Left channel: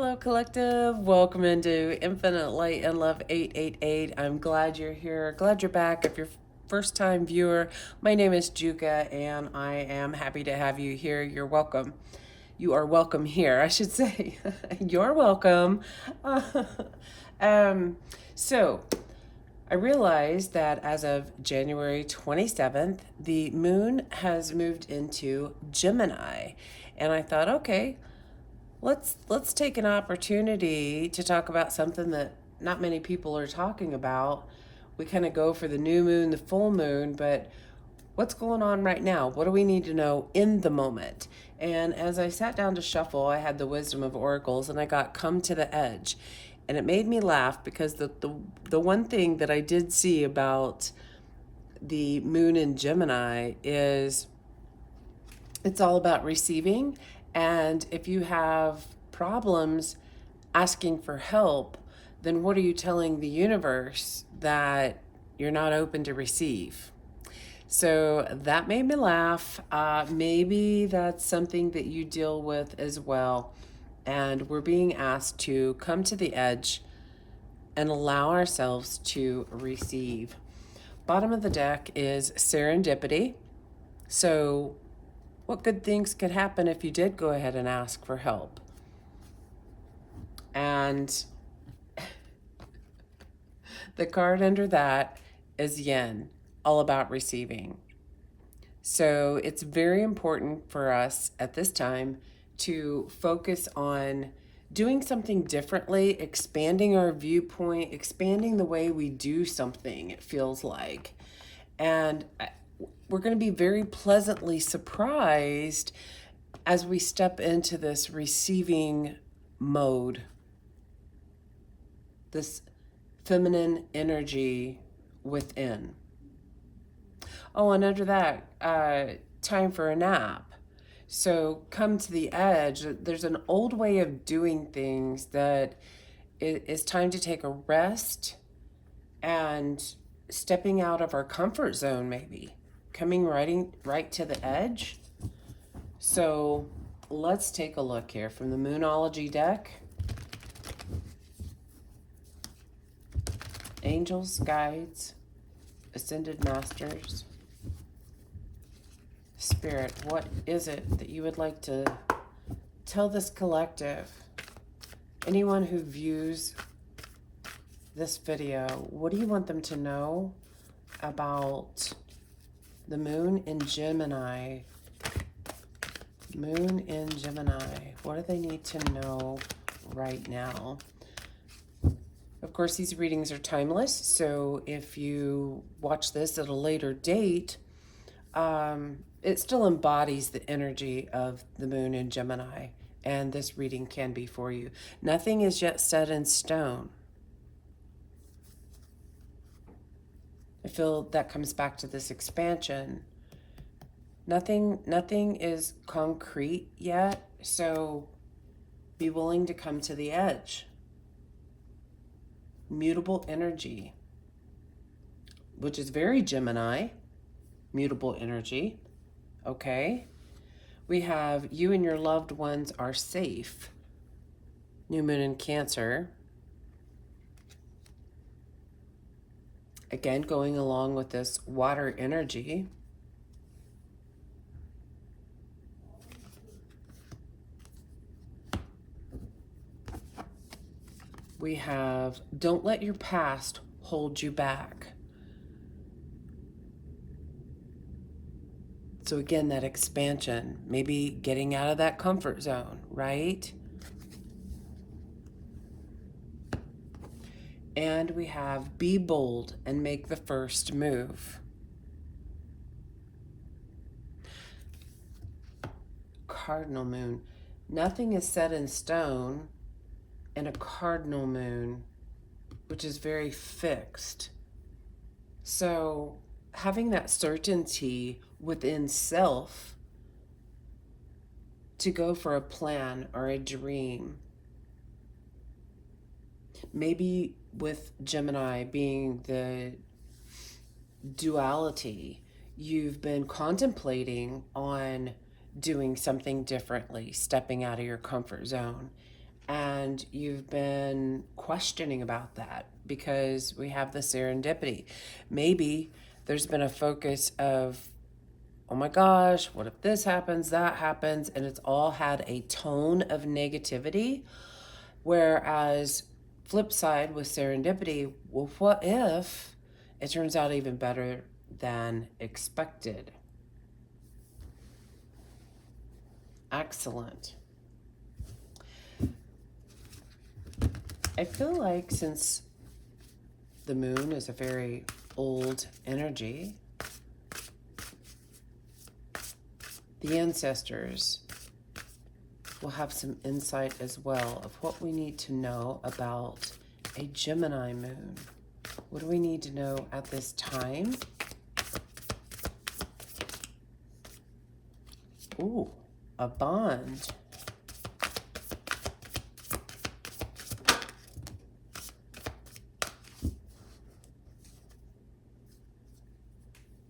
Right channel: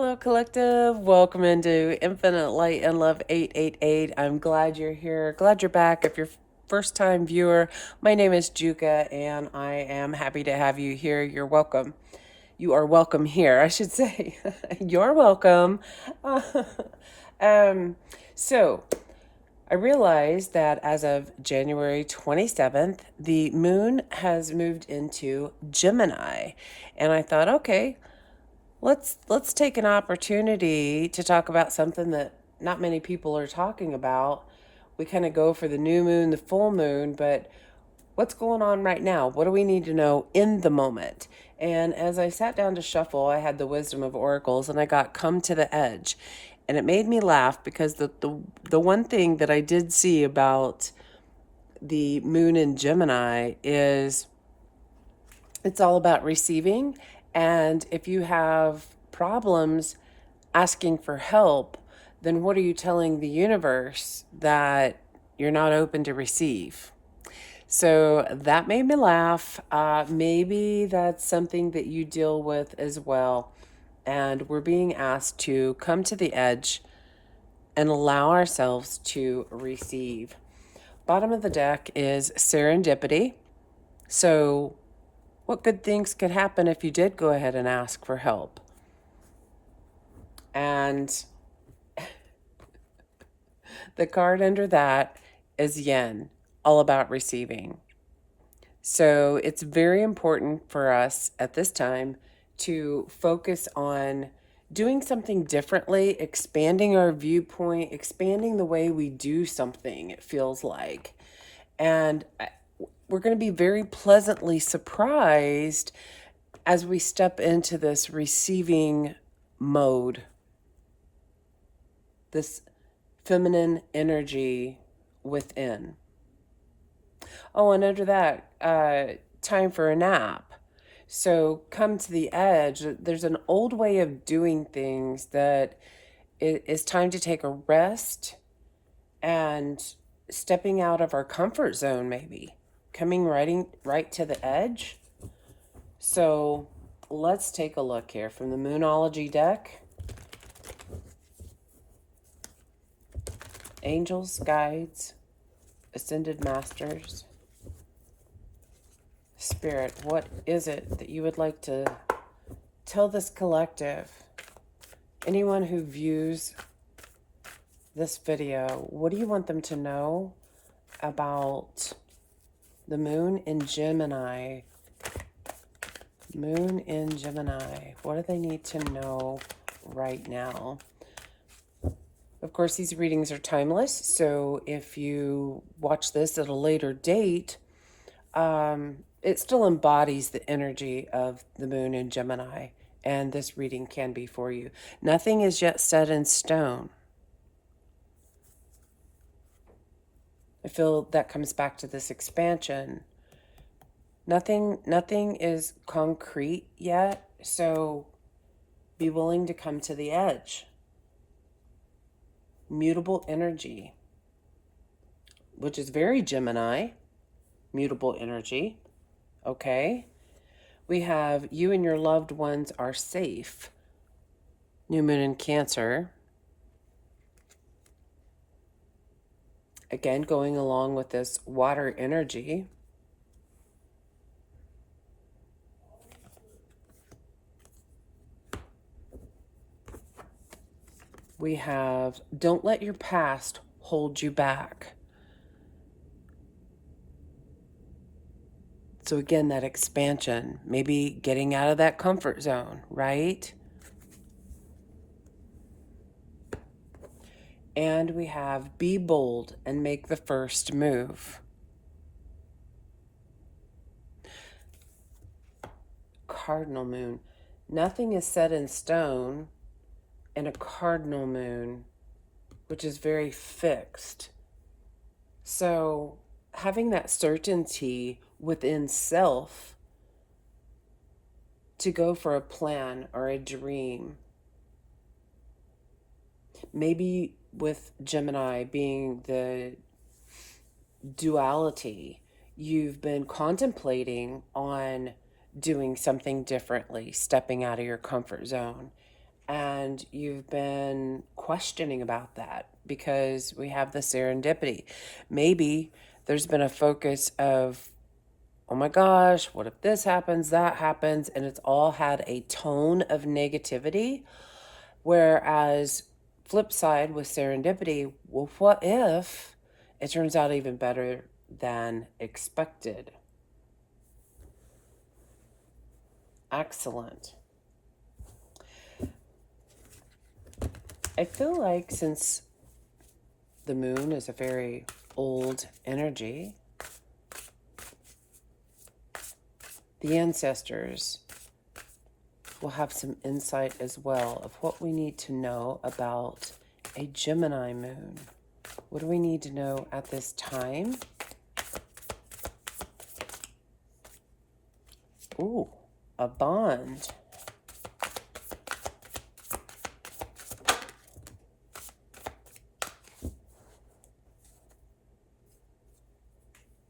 Hello, collective. Welcome into Infinite Light and Love 888. I'm glad you're here. Glad you're back. If you're first time viewer, my name is Juka and I am happy to have you here. You're welcome. You are welcome here, I should say. You're welcome. um, so, I realized that as of January 27th, the moon has moved into Gemini. And I thought, okay, let's take an opportunity to talk about something that not many people are talking about. We kind of go for the new moon, the full moon, but what's going on right now? What do we need to know in the moment? And as I sat down to shuffle, I had the wisdom of oracles and I got come to the edge. And it made me laugh because the one thing that I did see about the moon in Gemini is it's all about receiving. And if you have problems asking for help, then what are you telling the universe that you're not open to receive? So that made me laugh. Maybe that's something that you deal with as well. And we're being asked to come to the edge and allow ourselves to receive. Bottom of the deck is serendipity. So what good things could happen if you did go ahead and ask for help? And the card under that is yen, all about receiving. So it's very important for us at this time to focus on doing something differently, expanding our viewpoint, expanding the way we do something, it feels like. And we're going to be very pleasantly surprised as we step into this receiving mode, this feminine energy within. Oh, and under that, time for a nap. So come to the edge. There's an old way of doing things that it is time to take a rest and stepping out of our comfort zone, maybe coming right to the edge. So let's take a look here from the Moonology deck. Angels, guides, ascended masters, spirit, what is it that you would like to tell this collective? Anyone who views this video, what do you want them to know about the moon in Gemini? Moon in Gemini. What do they need to know right now? Of course, these readings are timeless, so if you watch this at a later date, it still embodies the energy of the moon in Gemini, and this reading can be for you. Nothing is yet set in stone. I feel that comes back to this expansion. Nothing is concrete yet, so be willing to come to the edge. Mutable energy, which is very Gemini, mutable energy. Okay. We have you and your loved ones are safe. New moon in Cancer. Again, going along with this water energy. We have don't let your past hold you back. So again, that expansion, maybe getting out of that comfort zone, right? And we have be bold and make the first move. Cardinal moon. Nothing is set in stone in a cardinal moon, which is very fixed. So having that certainty within self to go for a plan or a dream. Maybe with Gemini being the duality, you've been contemplating on doing something differently, stepping out of your comfort zone. and you've been questioning about that because we have the serendipity. Maybe there's been a focus of, oh my gosh, what if this happens, that happens, and it's all had a tone of negativity. Whereas, flip side with serendipity, well, what if it turns out even better than expected? Excellent. I feel like since the moon is a very old energy, the ancestors will have some insight as well of what we need to know about a Gemini moon. What do we need to know at this time? Ooh, a bond.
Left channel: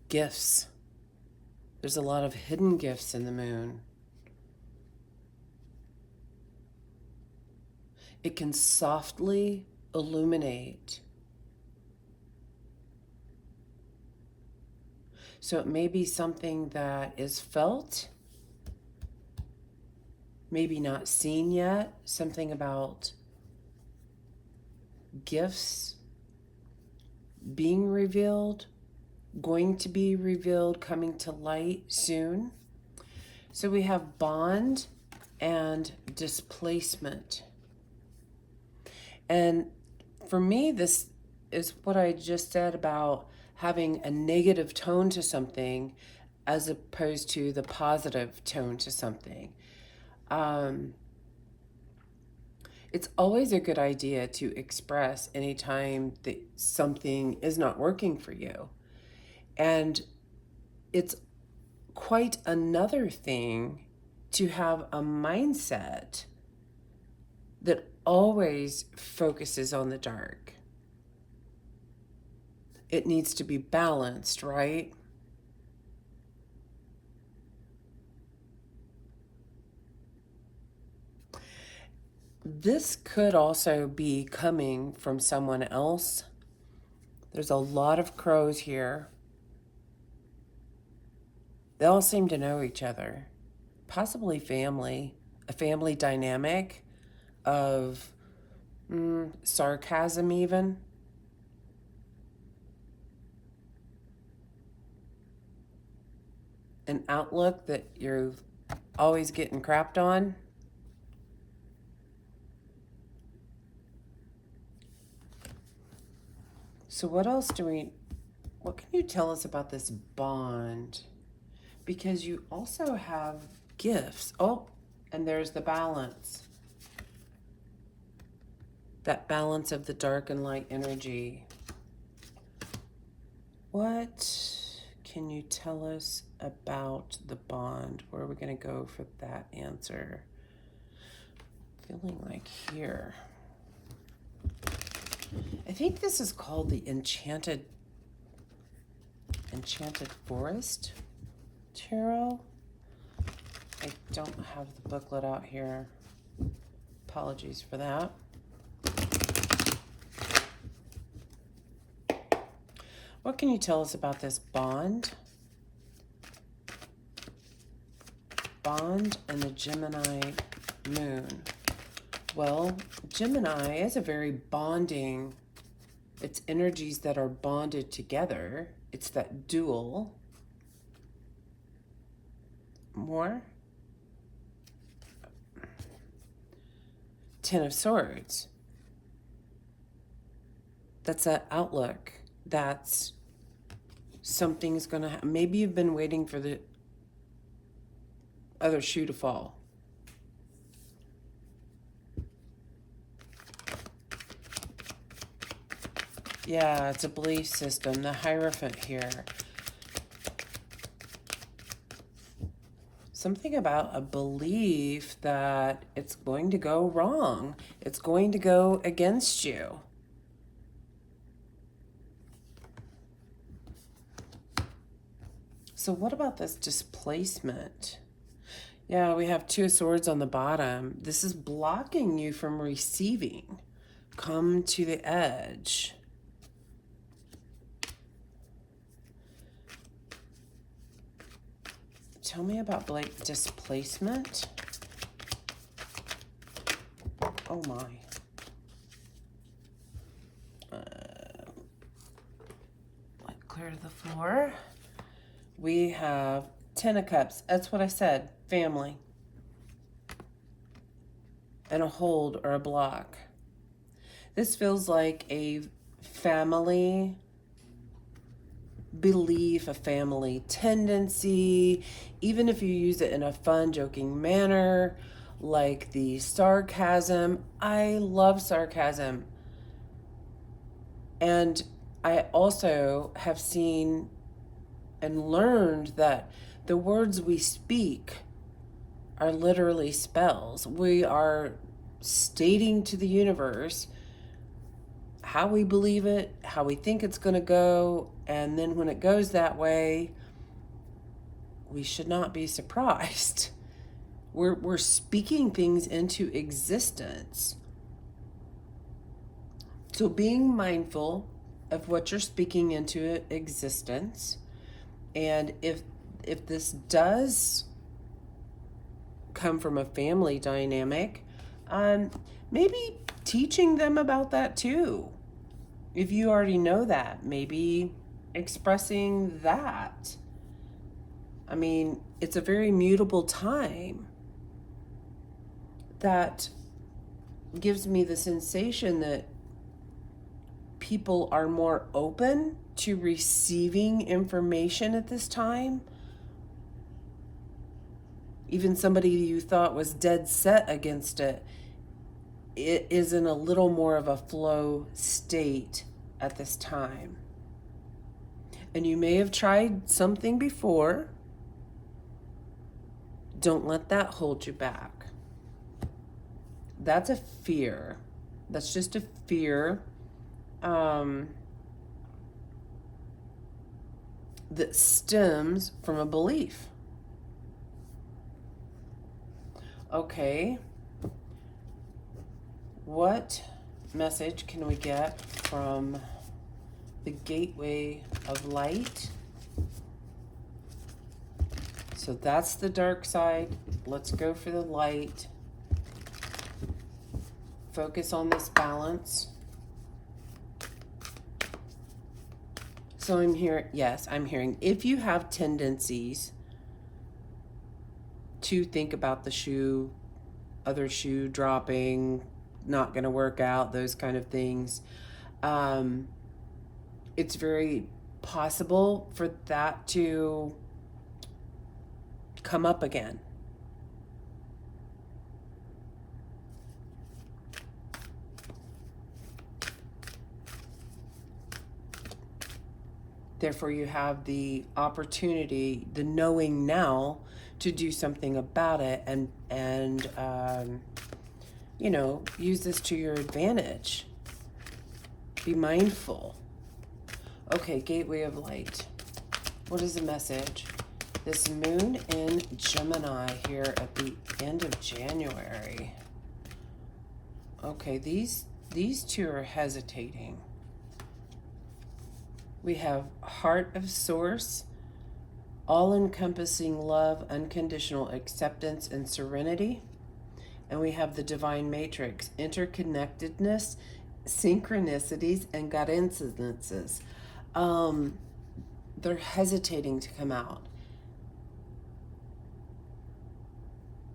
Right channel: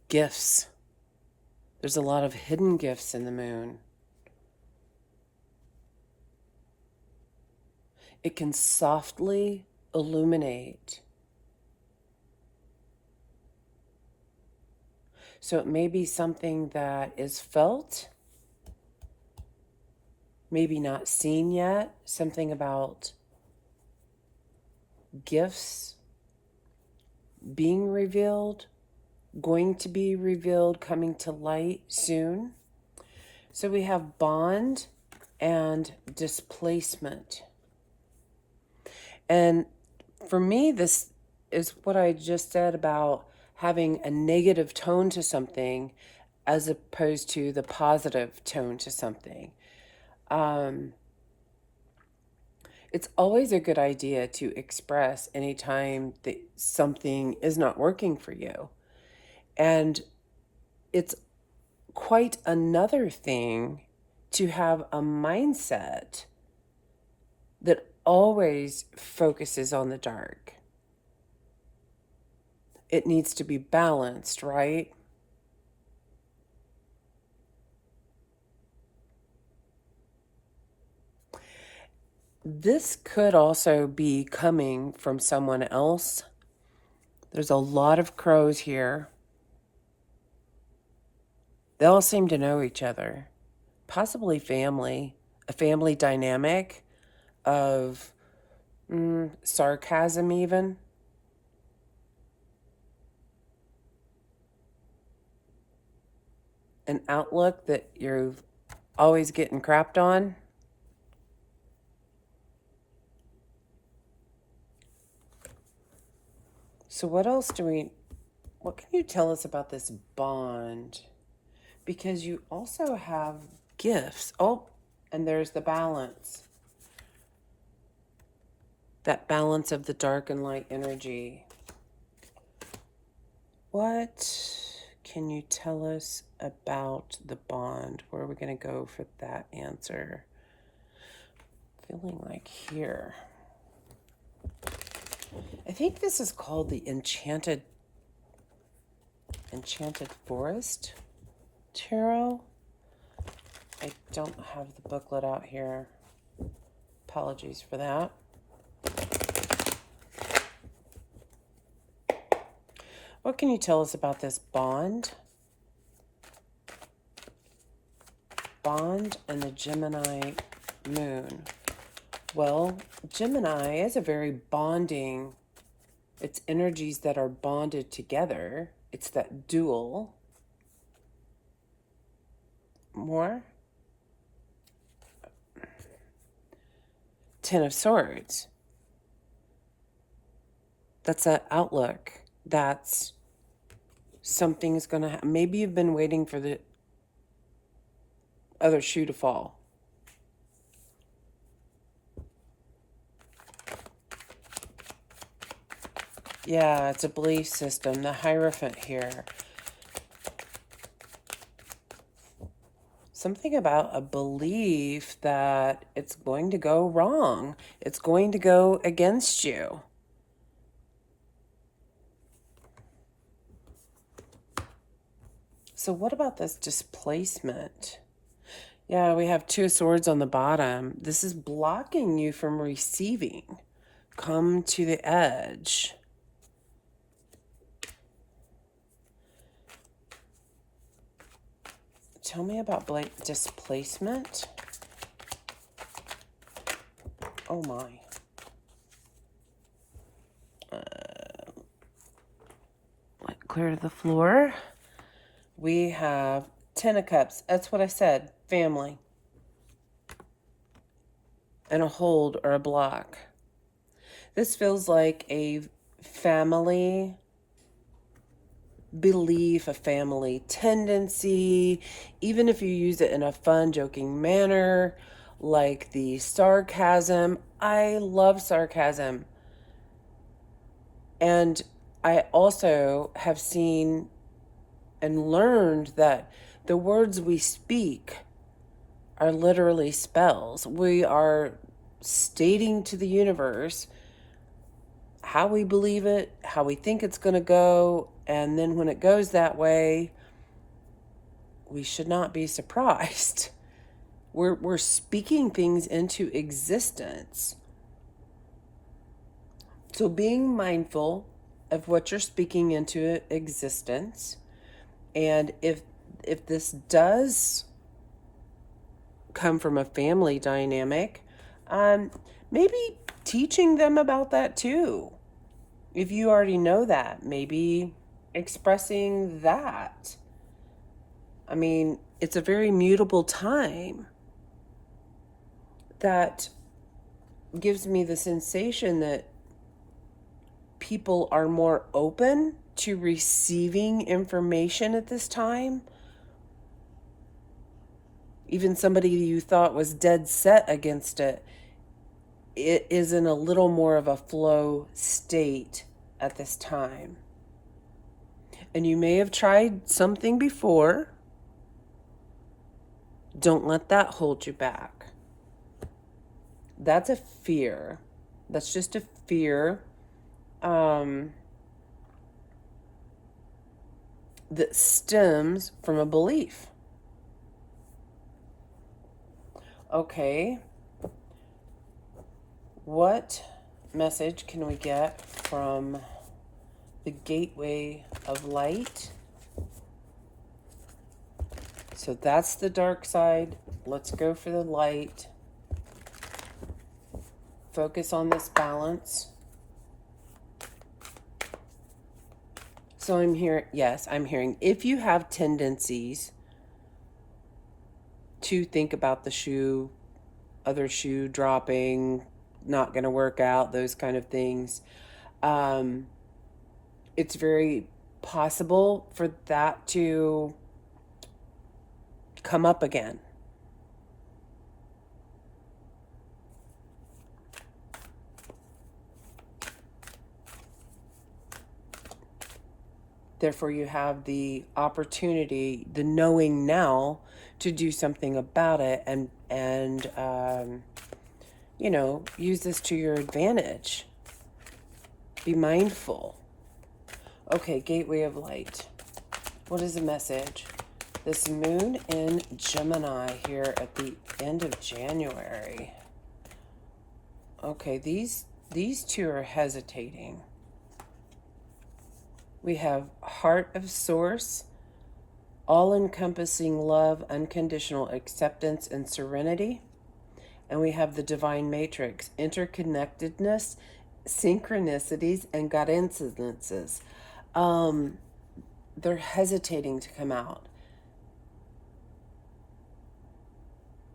Gifts. There's a lot of hidden gifts in the moon. It can softly illuminate. So it may be something that is felt, maybe not seen yet, something about gifts being revealed, going to be revealed, coming to light soon. So we have bond and displacement. And for me, this is what I just said about having a negative tone to something as opposed to the positive tone to something. It's always a good idea to express anytime that something is not working for you. And it's quite another thing to have a mindset that always focuses on the dark. It needs to be balanced, right? This could also be coming from someone else. There's a lot of crows here. They all seem to know each other, possibly family, a family dynamic of sarcasm, even. An outlook that you're always getting crapped on. So what can you tell us about this bond? Because you also have gifts. Oh, and there's the balance. That balance of the dark and light energy. What can you tell us about the bond? Where are we going to go for that answer? Feeling like here. I think this is called the Enchanted Forest Tarot. I don't have the booklet out here. Apologies for that. What can you tell us about this bond? Bond and the Gemini moon. Well, Gemini is a very bonding, it's energies that are bonded together. It's that dual. More? Ten of Swords. That's that outlook. That's something's going to happen. Maybe you've been waiting for the other shoe to fall. Yeah, it's a belief system. The Hierophant here. Something about a belief that it's going to go wrong. It's going to go against you. So what about this displacement? Yeah, we have two swords on the bottom. This is blocking you from receiving. Come to the edge. Tell me about displacement. Oh my. Clear to the floor. We have 10 of Cups. That's what I said. Family. And a hold or a block. This feels like a family belief, a family tendency, even if you use it in a fun, joking manner, like the sarcasm. I love sarcasm. And I also have seen and learned that the words we speak are literally spells. We are stating to the universe how we believe it, how we think it's going to go, and then when it goes that way, we should not be surprised. We're speaking things into existence. So being mindful of what you're speaking into existence, and if this does come from a family dynamic, maybe teaching them about that too. If you already know that, maybe expressing that. I mean, it's a very mutable time that gives me the sensation that people are more open to receiving information at this time. Even somebody you thought was dead set against it, it is in a little more of a flow state at this time. And you may have tried something before. Don't let that hold you back. That's a fear. That's just a fear that stems from a belief. Okay. What message can we get from the gateway of light? So that's the dark side. Let's go for the light. Focus on this balance. So I'm hearing if you have tendencies to think about the other shoe dropping, not going to work out, those kind of things, it's very possible for that to come up again. Therefore, you have the opportunity, the knowing now, to do something about it and use this to your advantage. Be mindful. Okay, gateway of light. What is the message? This moon in Gemini here at the end of January. Okay, these two are hesitating. We have heart of source, all-encompassing love, unconditional acceptance, and serenity. And we have the divine matrix, interconnectedness, synchronicities, and coincidences. They're hesitating to come out.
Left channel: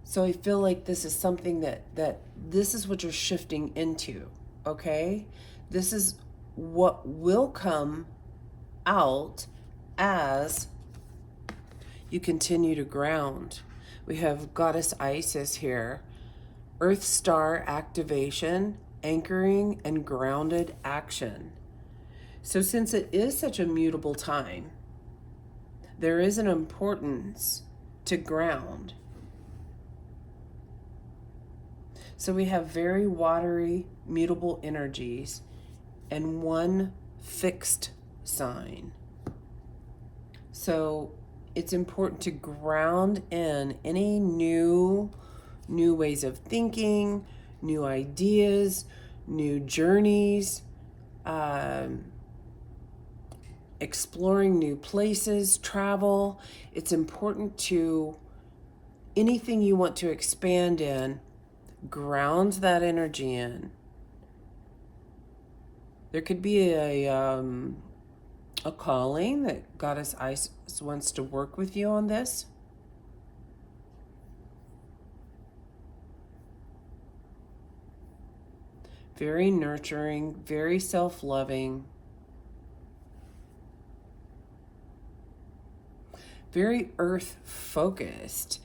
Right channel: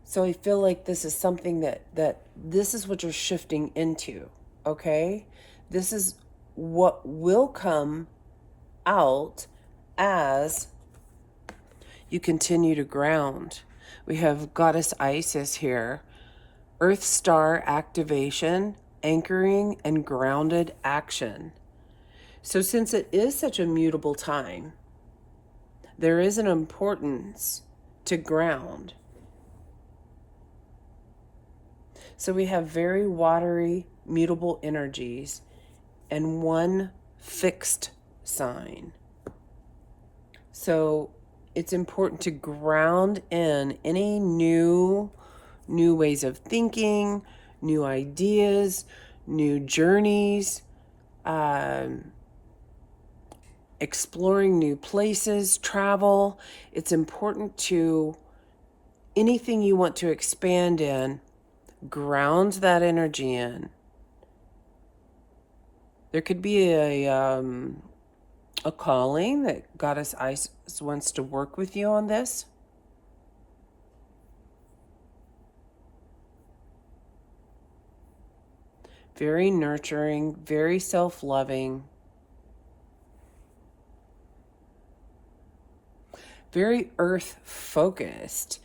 So I feel like this is something that this is what you're shifting into, okay? This is what will come out as you continue to ground. We have Goddess Isis here. Earth Star activation, anchoring, and grounded action. So since it is such a mutable time, there is an importance to ground. So we have very watery, mutable energies and one fixed sign. So it's important to ground in any new ways of thinking, new ideas, new journeys, um, exploring new places, travel. It's important to anything you want to expand in, ground that energy in. There could be a calling that Goddess Isis wants to work with you on this. Very nurturing, very self-loving, very earth focused.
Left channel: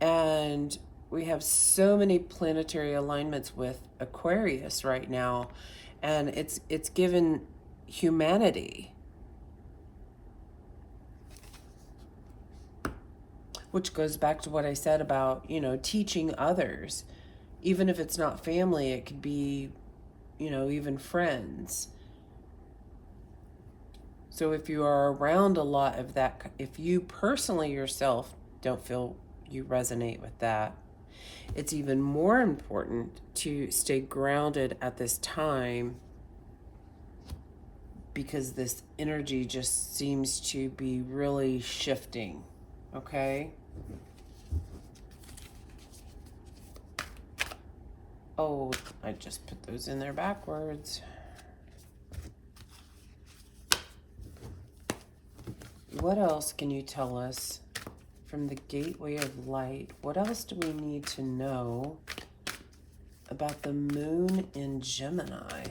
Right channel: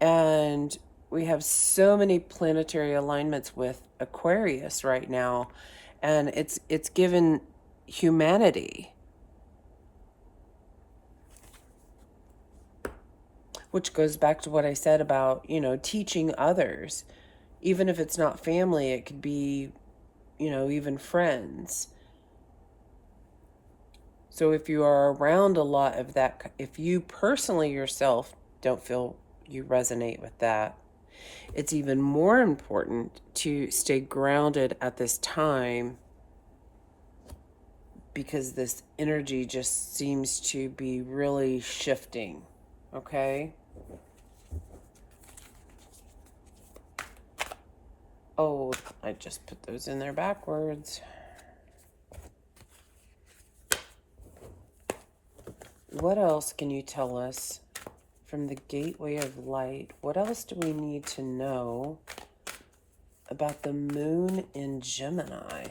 And we have so many planetary alignments with Aquarius right now, and it's given humanity, which goes back to what I said about, teaching others. Even if it's not family, it could be, even friends. So if you are around a lot of that, if you personally yourself don't feel you resonate with that, it's even more important to stay grounded at this time, because this energy just seems to be really shifting. Okay? Oh, I just put those in there backwards. What else can you tell us from the gateway of light? What else do we need to know about the moon in Gemini?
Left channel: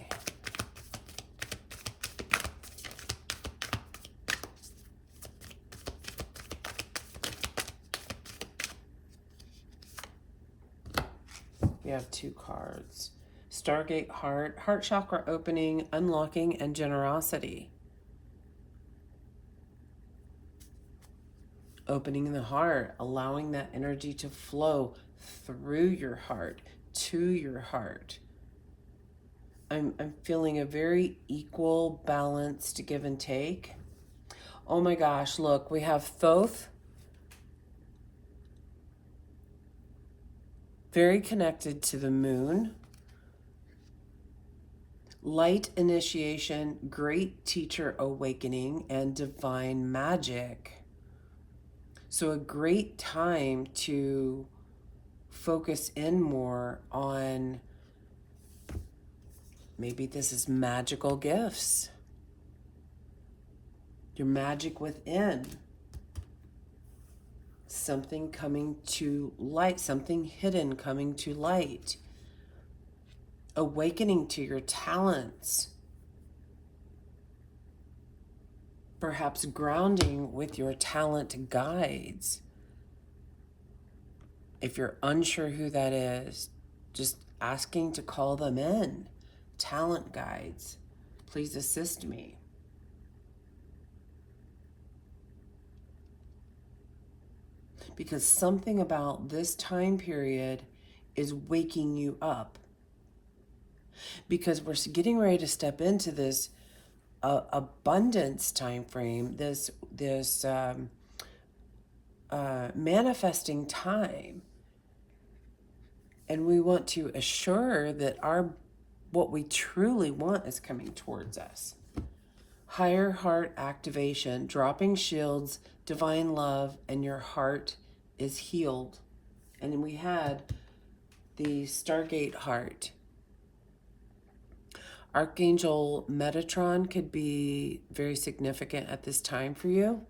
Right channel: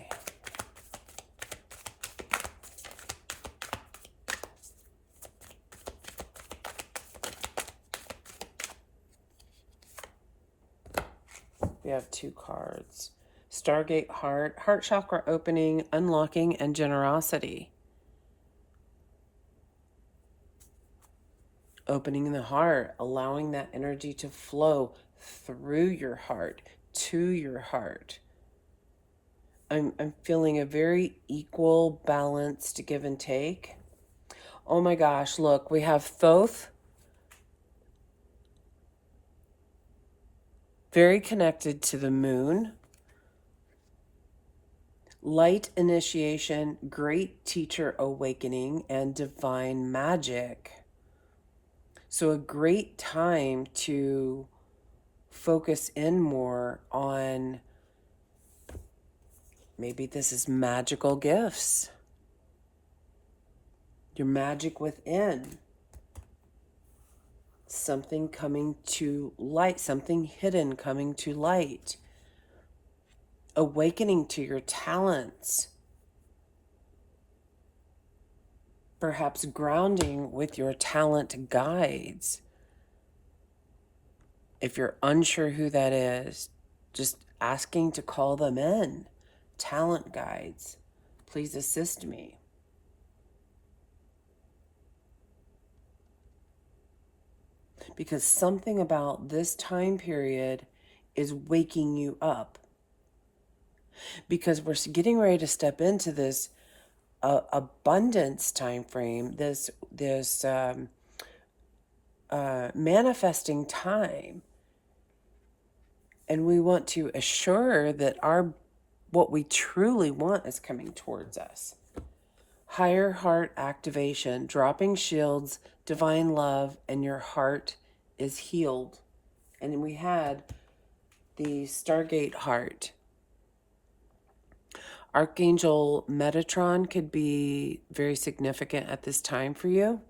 We have 2 cards. Stargate heart, heart chakra opening, unlocking, and generosity. Opening the heart, allowing that energy to flow through your heart, to your heart. I'm feeling a very equal, balanced give and take. Oh my gosh, look, we have Thoth, very connected to the moon. Light initiation, great teacher awakening, and divine magic. So a great time to focus in more on, maybe this is magical gifts. Your magic within. Something coming to light, something hidden coming to light. Awakening to your talents. Perhaps grounding with your talent guides. If you're unsure who that is, just asking to call them in. Talent guides, please assist me. Because something about this time period is waking you up. Because we're getting ready to step into this abundance time frame, this manifesting time, and we want to assure that what we truly want is coming towards us. Higher heart activation, dropping shields, divine love, and your heart is healed. And we had the Stargate heart. Archangel Metatron could be very significant at this time for you.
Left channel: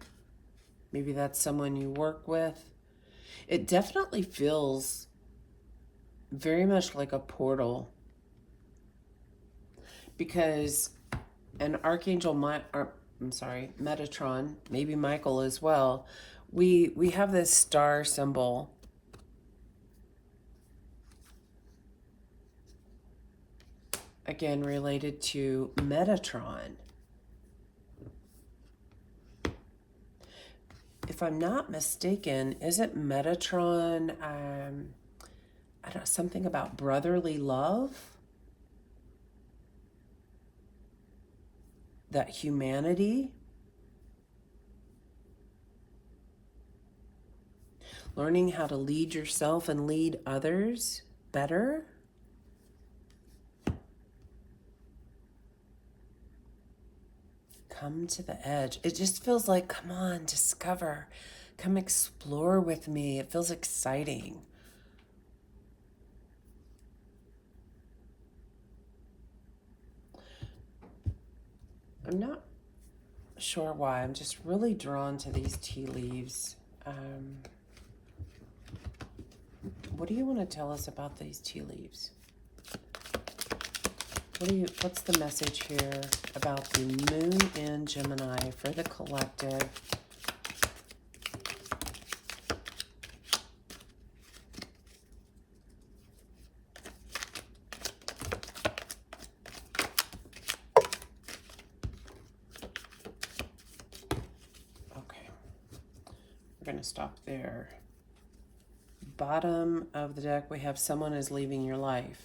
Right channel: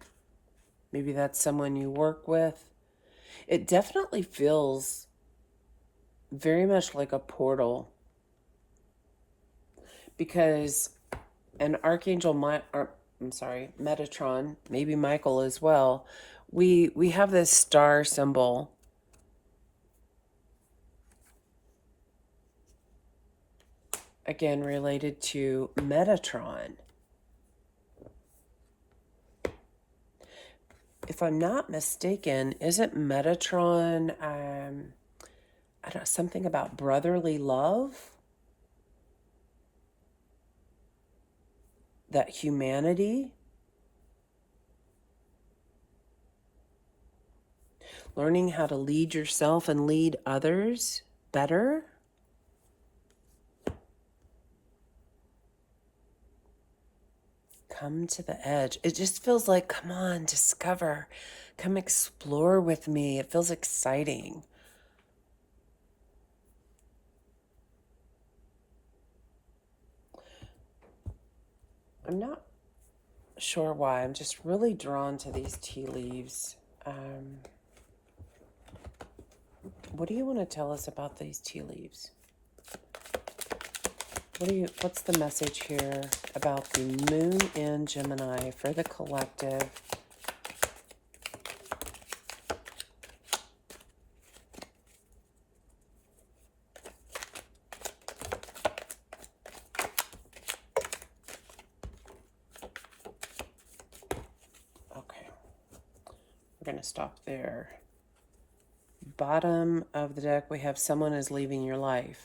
Maybe that's someone you work with. It definitely feels very much like a portal, because an Archangel, Metatron, maybe Michael as well, we have this star symbol. Again, related to Metatron. If I'm not mistaken, isn't Metatron, I don't know, something about brotherly love? That humanity? learning how to lead yourself and lead others better. Come to the edge. It just feels like, come on, discover. Come explore with me. It feels exciting. I'm not sure why. I'm just really drawn to these tea leaves. What do you want to tell us about these tea leaves? What's the message here about the moon in Gemini for the collective? Okay, we're going to stop there. Bottom of the deck, we have someone is leaving your life.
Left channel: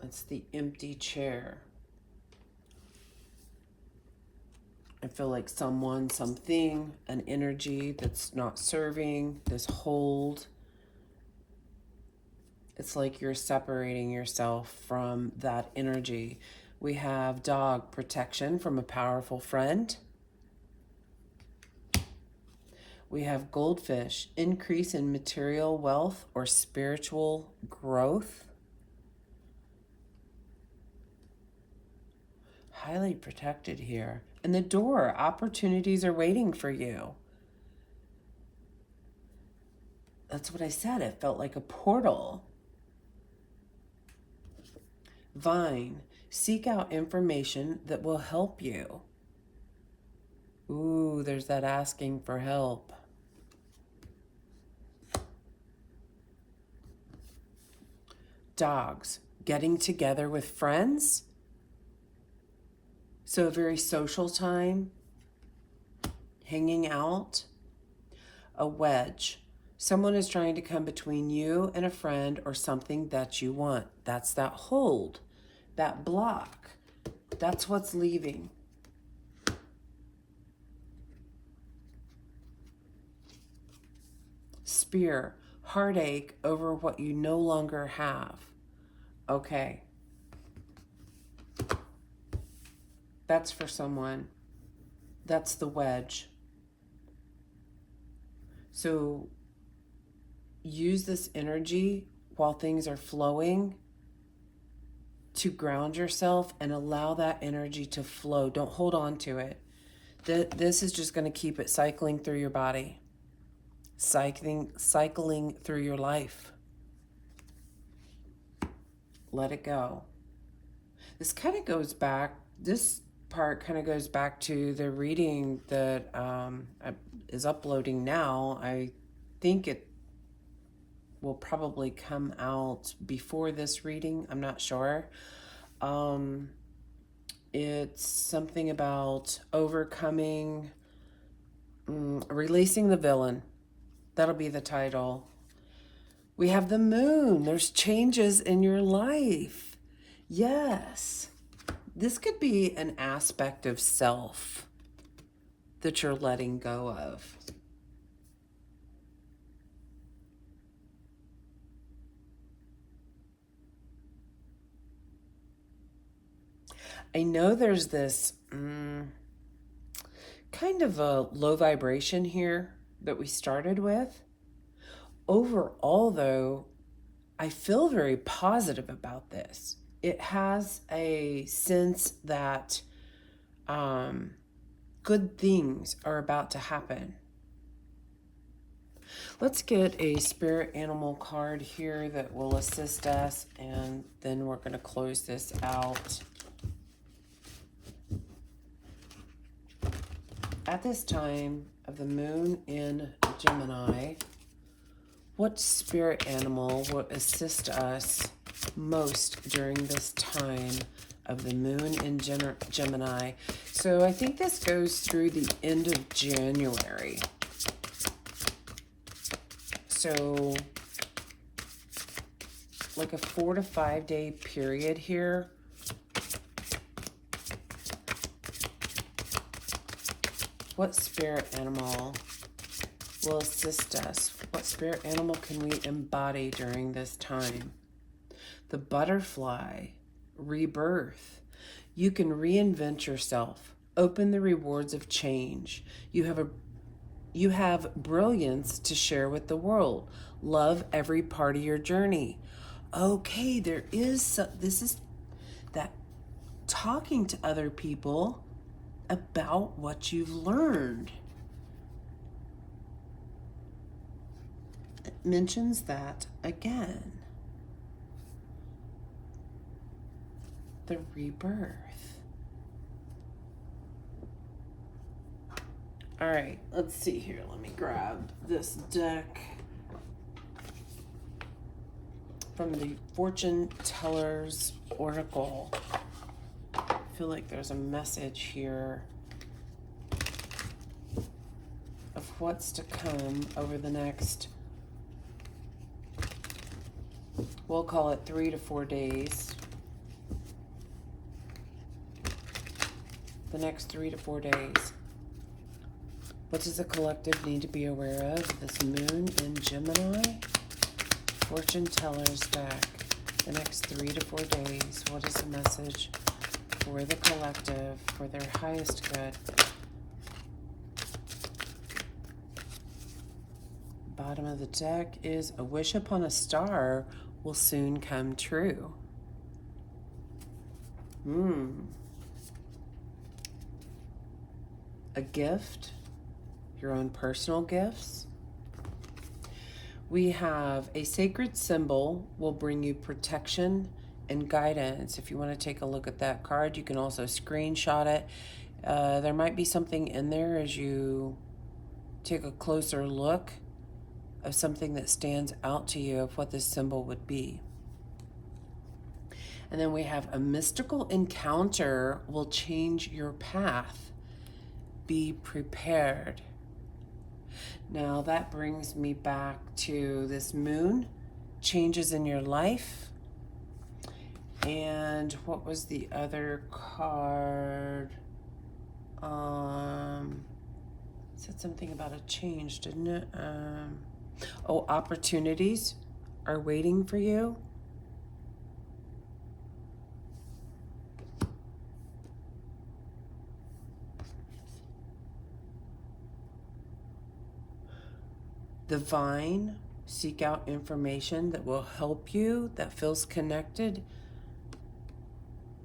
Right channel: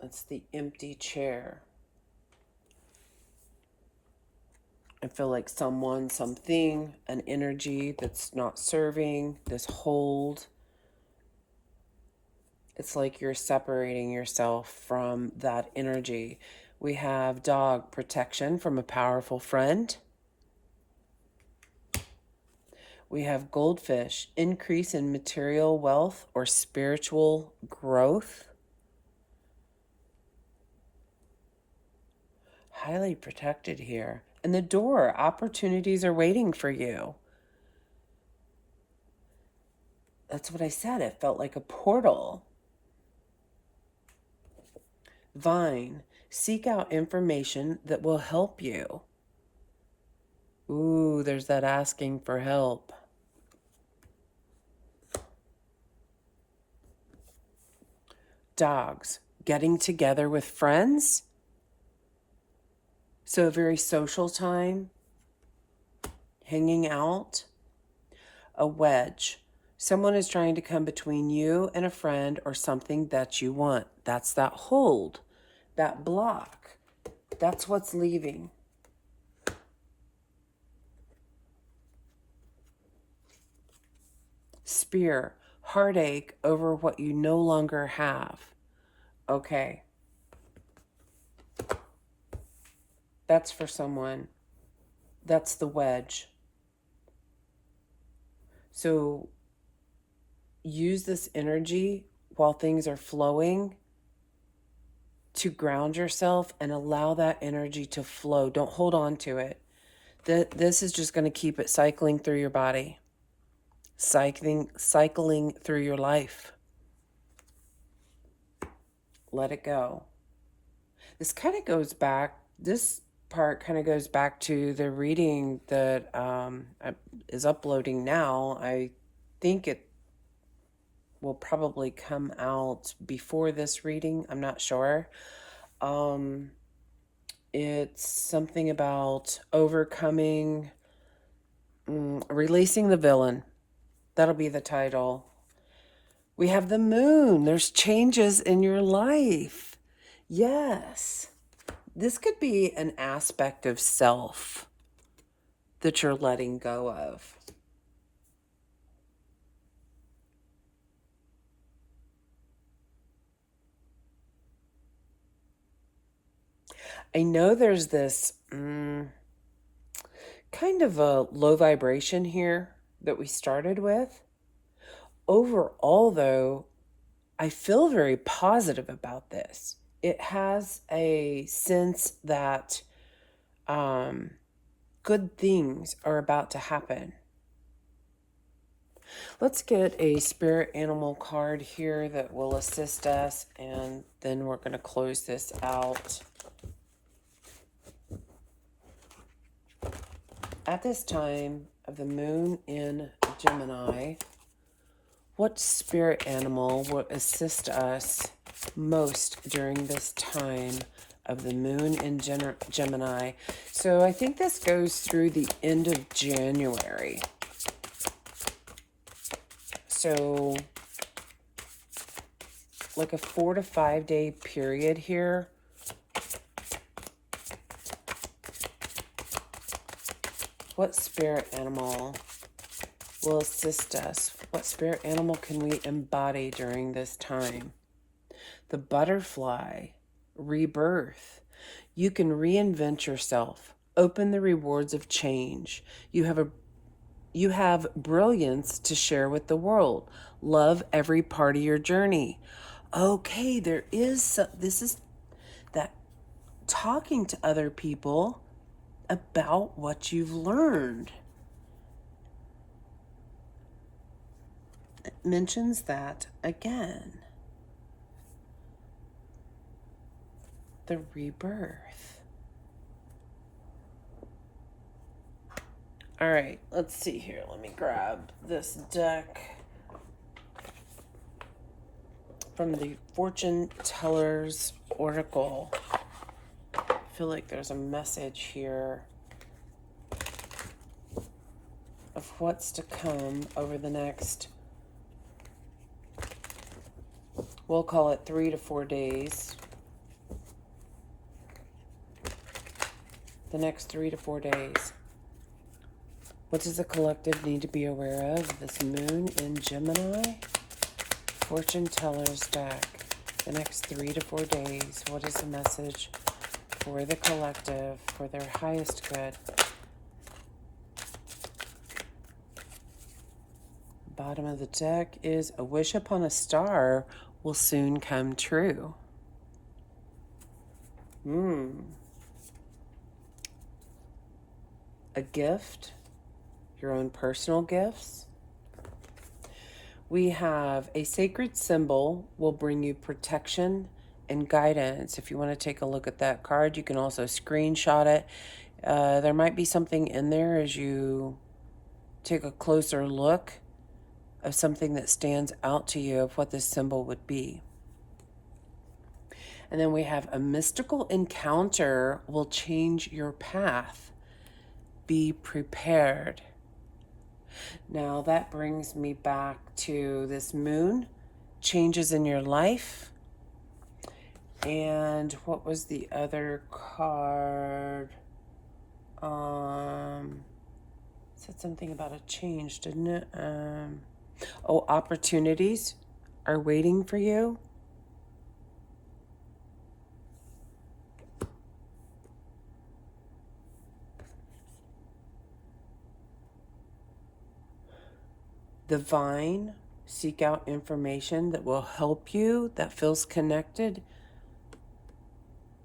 That's the empty chair. I feel like someone, something, an energy that's not serving, this hold. It's like you're separating yourself from that energy. We have dog, protection from a powerful friend. We have goldfish, increase in material wealth or spiritual growth. Highly protected here. And the door, opportunities are waiting for you. That's what I said. It felt like a portal. Vine, seek out information that will help you. Ooh, there's that asking for help. Dogs, getting together with friends. So a very social time, hanging out. A wedge. Someone is trying to come between you and a friend or something that you want. That's that hold, that block. That's what's leaving. Spear, heartache over what you no longer have. Okay. That's for someone. That's the wedge. So use this energy while things are flowing to ground yourself and allow that energy to flow. Don't hold on to it. This is just going to keep it cycling through your body, cycling through your life. Let it go. This kind of goes back, this part kind of goes back to the reading that is uploading now. I think it will probably come out before this reading. I'm not sure. It's something about overcoming, releasing the villain. That'll be the title. We have the moon. There's changes in your life. Yes. This could be an aspect of self that you're letting go of. I know there's this kind of a low vibration here that we started with. Overall, though, I feel very positive about this. It has a sense that good things are about to happen. Let's get a spirit animal card here that will assist us, and then we're going to close this out. At this time of the moon in Gemini, what spirit animal will assist us most during this time of the moon in Gemini? So I think this goes through the end of January. So like a 4 to 5 day period here. What spirit animal will assist us? What spirit animal can we embody during this time? The butterfly, rebirth. You can reinvent yourself. Open the rewards of change. You have brilliance to share with the world. Love every part of your journey. Okay, this is that talking to other people about what you've learned. It mentions that again. The rebirth. All right, let's see here. Let me grab this deck from the Fortune Teller's Oracle. I feel like there's a message here of what's to come over the next, we'll call it 3 to 4 days. The next 3 to 4 days. What does the collective need to be aware of? This moon in Gemini. Fortune Teller's deck. The next 3 to 4 days. What is the message for the collective, for their highest good? Bottom of the deck is a wish upon a star will soon come true. A gift. Your own personal gifts. We have a sacred symbol will bring you protection and guidance. If you want to take a look at that card, you can also screenshot it. There might be something in there as you take a closer look of something that stands out to you of what this symbol would be. And then we have a mystical encounter will change your path. Be prepared. Now that brings me back to this moon, changes in your life. And what was the other card? Said something about a change, didn't it? Opportunities are waiting for you. Divine, seek out information that will help you, that feels connected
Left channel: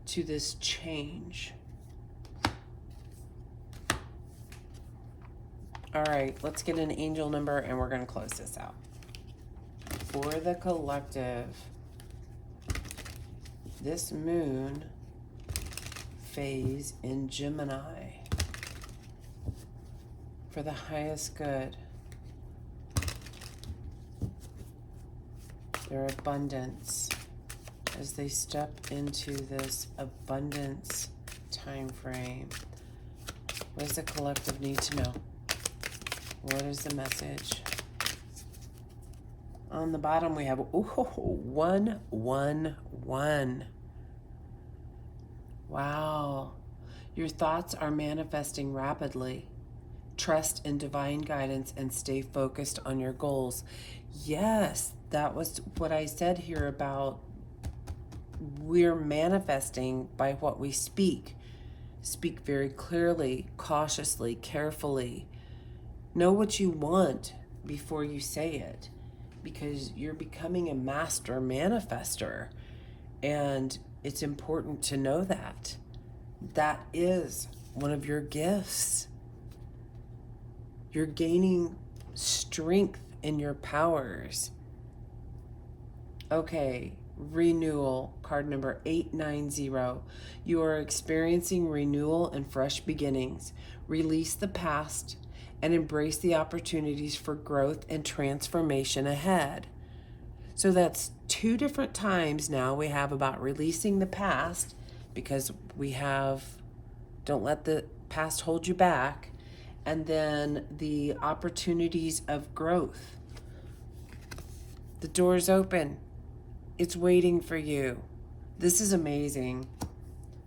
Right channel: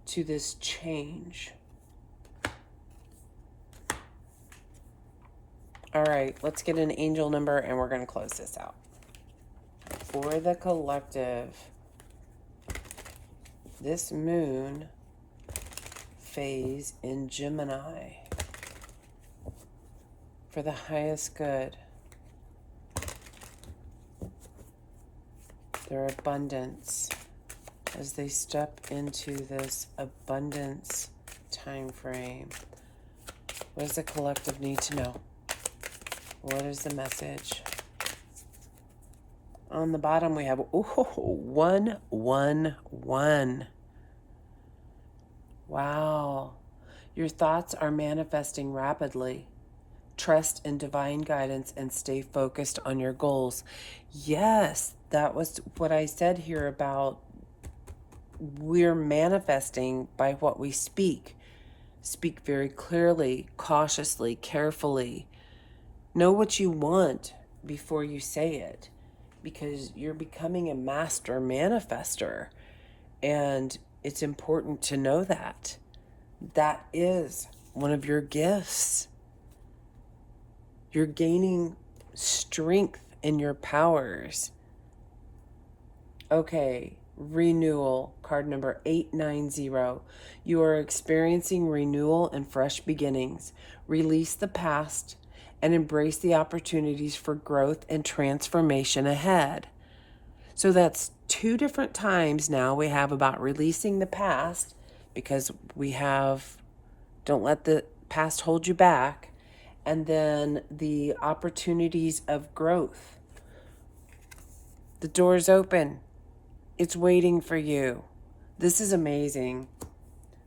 to this change. All right, let's get an angel number and we're going to close this out. For the collective, this moon phase in Gemini, for the highest good, their abundance, as they step into this abundance time frame. What does the collective need to know? What is the message? On the bottom we have 111. Wow. Your thoughts are manifesting rapidly. Trust in divine guidance and stay focused on your goals. Yes, that was what I said here about we're manifesting by what we speak. Speak very clearly, cautiously, carefully. Know what you want before you say it, because you're becoming a master manifester, and it's important to know that. That is one of your gifts. You're gaining strength in your powers. Okay, renewal, card number 890. You are experiencing renewal and fresh beginnings. Release the past and embrace the opportunities for growth and transformation ahead. So that's 2 different times now we have about releasing the past, because we have, don't let the past hold you back, and then the opportunities of growth. The door's open. It's waiting for you. This is amazing.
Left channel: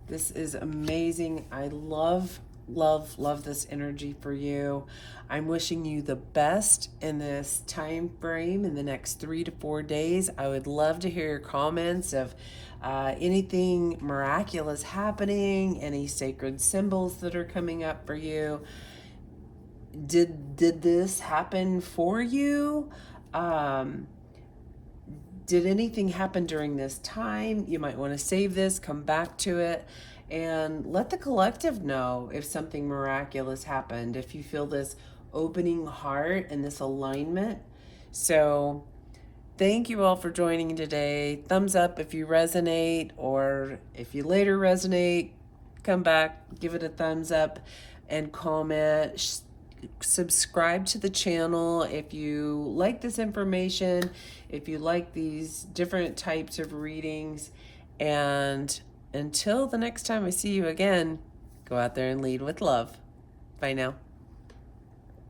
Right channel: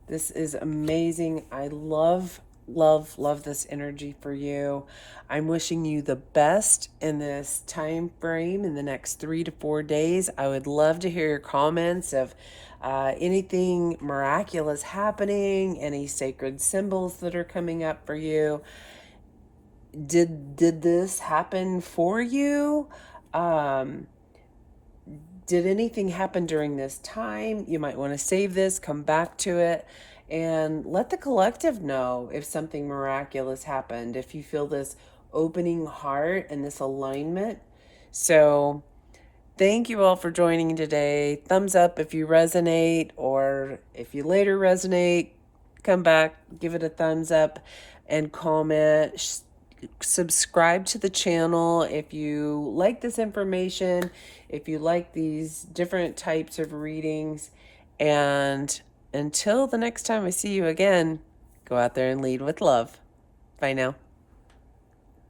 This is amazing. I love love this energy for you. I'm wishing you the best in this time frame in the next 3 to 4 days. I would love to hear your comments of anything miraculous happening, any sacred symbols that are coming up for you. Did this happen for you? Um, did anything happen during this time? You might want to save this, come back to it, and let the collective know if something miraculous happened, if you feel this opening heart and this alignment. So, thank you all for joining today. Thumbs up if you resonate, or if you later resonate, come back, give it a thumbs up, and comment. Subscribe to the channel if you like this information, if you like these different types of readings. And until the next time I see you again, go out there and lead with love. Bye now.